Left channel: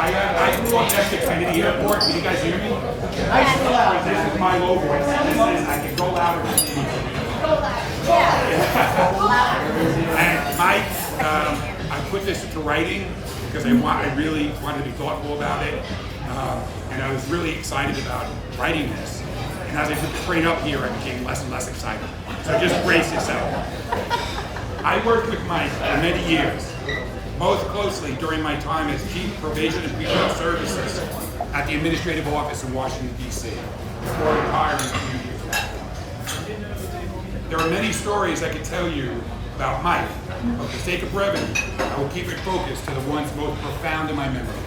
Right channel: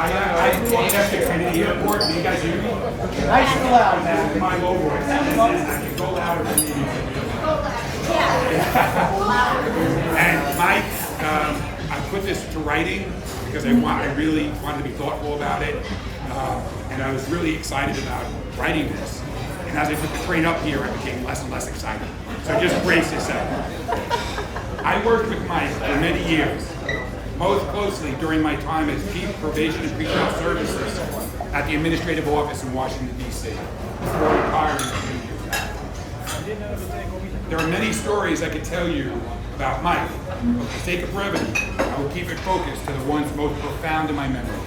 I grew up next to Kennedy Airport. Can you guys hear me? Nice and loud. This is my low voice. I can go louder than you. And Mike, I put this to writing because I really wanted to be thoughtful about it. And I was really excited about writing this. And as I took the train up here, I became less and less excited. So just brace yourself. I worked with Mike for many years, most closely during my time as Chief Probation and Pretrial Services at the Administrative Office in Washington, D.C., before retiring a few years back. There are many stories I could tell you about Mike, but for the sake of brevity, I will keep it focused to the ones most profound in my memory.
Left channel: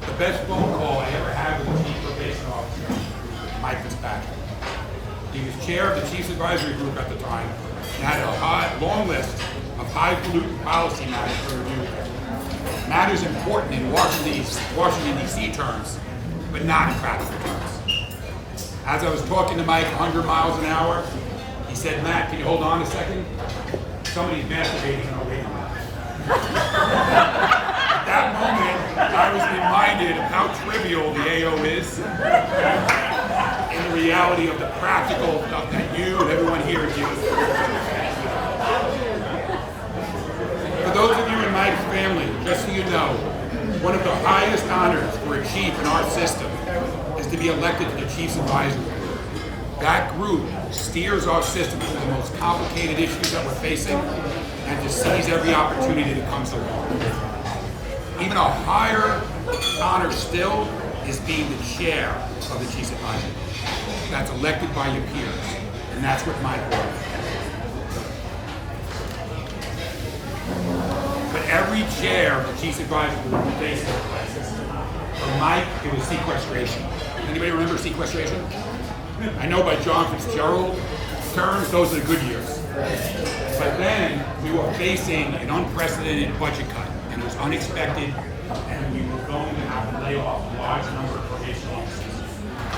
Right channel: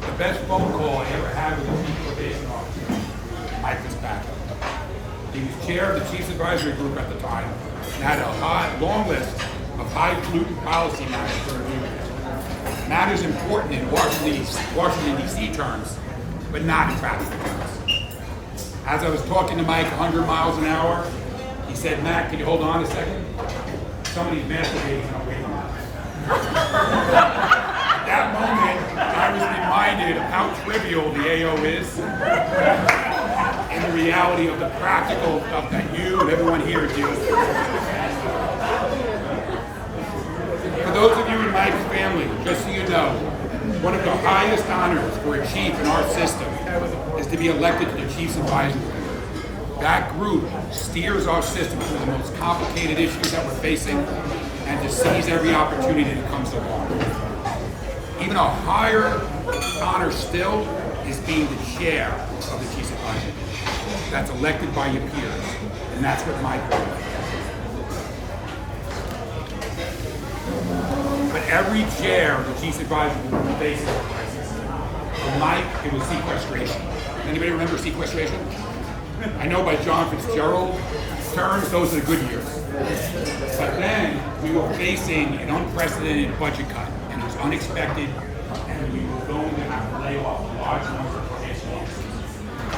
The best phone call I ever had with a Chief Probation Officer was with Mike Fitzpatrick. He was chair of the Chiefs Advisory Group at the time and had a long list of highfalutin policy matters for review. Matters important in Washington, D.C. terms, but not in practical terms. As I was talking to Mike 100 miles an hour, he said, "Matt, can you hold on a second? Somebody's masturbating and I'll wait a minute." At that moment, I was reminded of how trivial the AO is in the reality of the practical stuff that you and everyone here deals with. For those of you in Mike's family, just so you know, one of the highest honors for a chief in our system is to be elected to the Chiefs Advisory Group. That group steers our system through the most complicated issues that we're facing and to seize every opportunity that comes along. Even a higher honor still is being the chair of the Chiefs Advisory Group. That's elected by your peers, and that's what Mike was. But every chair of the Chiefs Advisory Group faces a crisis. For Mike, it was sequestration. Anybody remember sequestration? I know by John Fitzgerald terms, those are the good years. But then we were facing an unprecedented budget cut, and it was unexpected, and we were going to have to lay off a large number of probation officers.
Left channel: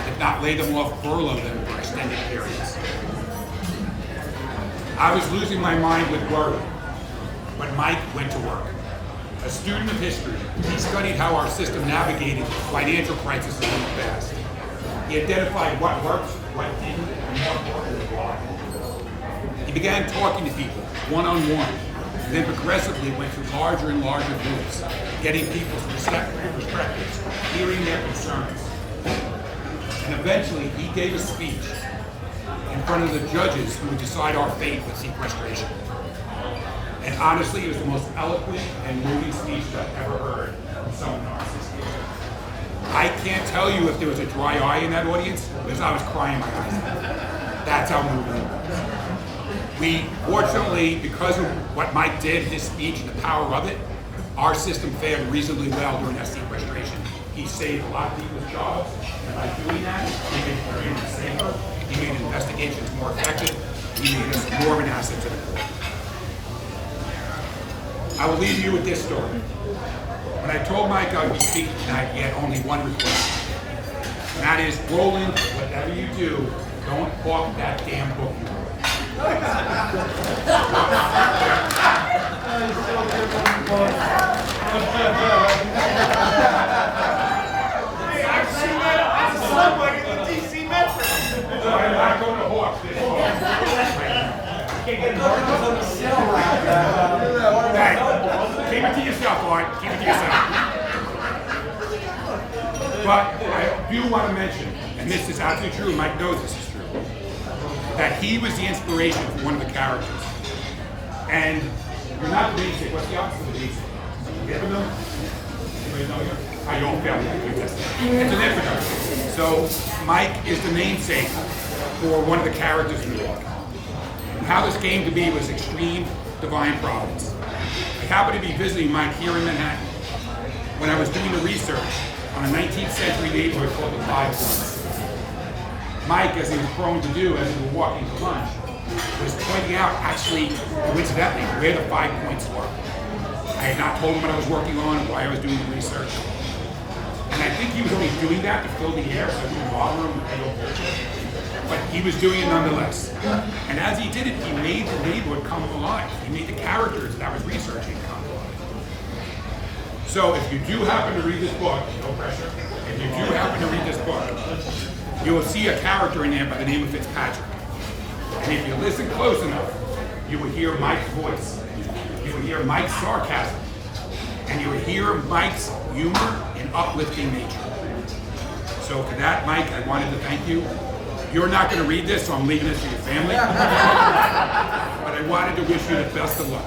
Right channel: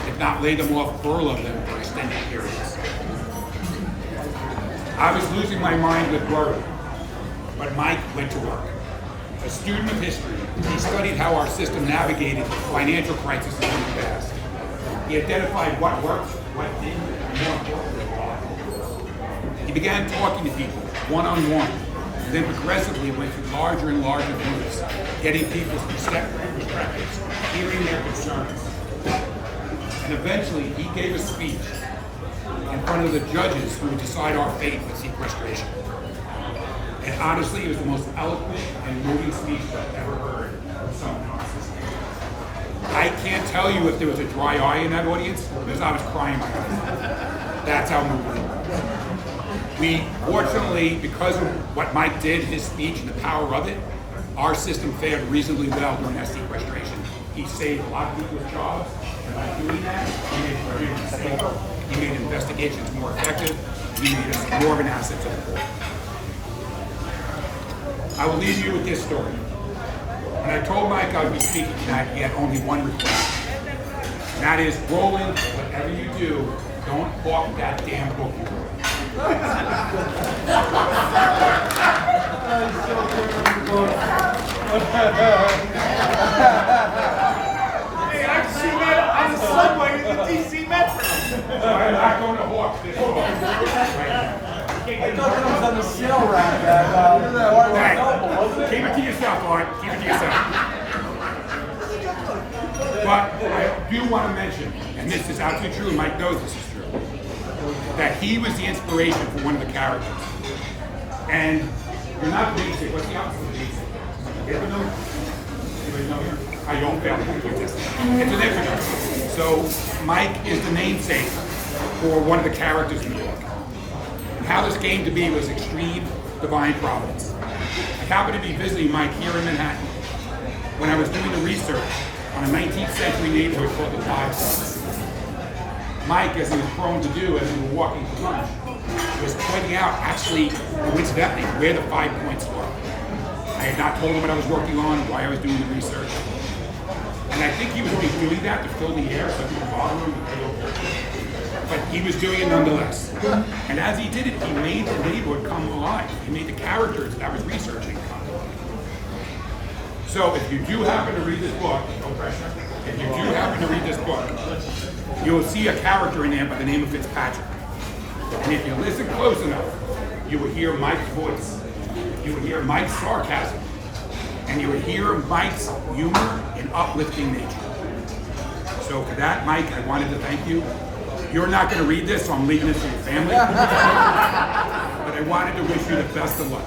If not lay them off, furlough them for extended periods. I was losing my mind with worry, but Mike went to work. A student of history, he studied how our system navigated financial crises in the past. He identified what worked, what didn't, and more importantly, why. He began talking to people one-on-one, and then progressively went to larger and larger groups, getting people's perspectives, hearing their concerns. And eventually, he gave a speech in front of the judges who would decide our fate with sequestration. And honestly, it was the most eloquent and moving speech I've ever heard from someone in our system. I can't tell you if there was a dry eye in that audience because I was crying my eyes out. That's how moving it was. We, fortunately, because of what Mike did, his speech and the power of it, our system fared reasonably well during that sequestration. He saved a lot of people's jobs, and by doing that, he made everyone safer, he made investigations more effective, he made us more of an asset to the court. I will leave you with this story. When I told Mike I would be speaking tonight, he had only one request. And that is, Roland, whatever you do, don't hawk that damn book you wrote. So I'm not going to hawk this book right now. Thanks. Keep it to yourself, Art. Keep it to yourself. But I do want to mention, and this is absolutely true, Mike knows this is true, that he was the inspiration for one of the characters. And you're not the namesake. What's the opposite of the namesake? Infidel? Anybody know here? You won't fail the IQ test. It's an infidel. So Mike is the namesake for one of the characters in the book. And how this came to be was extreme divine providence. I happened to be visiting Mike here in Manhattan when I was doing the research on a 19th century neighborhood called the Five Points. Mike, as he was prone to do as we were walking to lunch, was pointing out, actually, coincidentally, where the 5 points were. I had not told him what I was working on and why I was doing the research. And I think he was only doing that to fill the air so it wouldn't bother him to pay over. But he was doing it nonetheless. And as he did it, he made the neighborhood come alive. He made the characters that I was researching come alive. So if you do happen to read this book, no pressure, if you do happen to read this book, you will see a character in there by the name of Fitzpatrick. And if you listen close enough, you will hear Mike's voice. You will hear Mike's sarcasm. And you will hear Mike's humor and uplifting nature. So for that, Mike, I wanted to thank you. You're not going to read this, so I'm leaving this to your family. But I wanted to wish you the best of luck.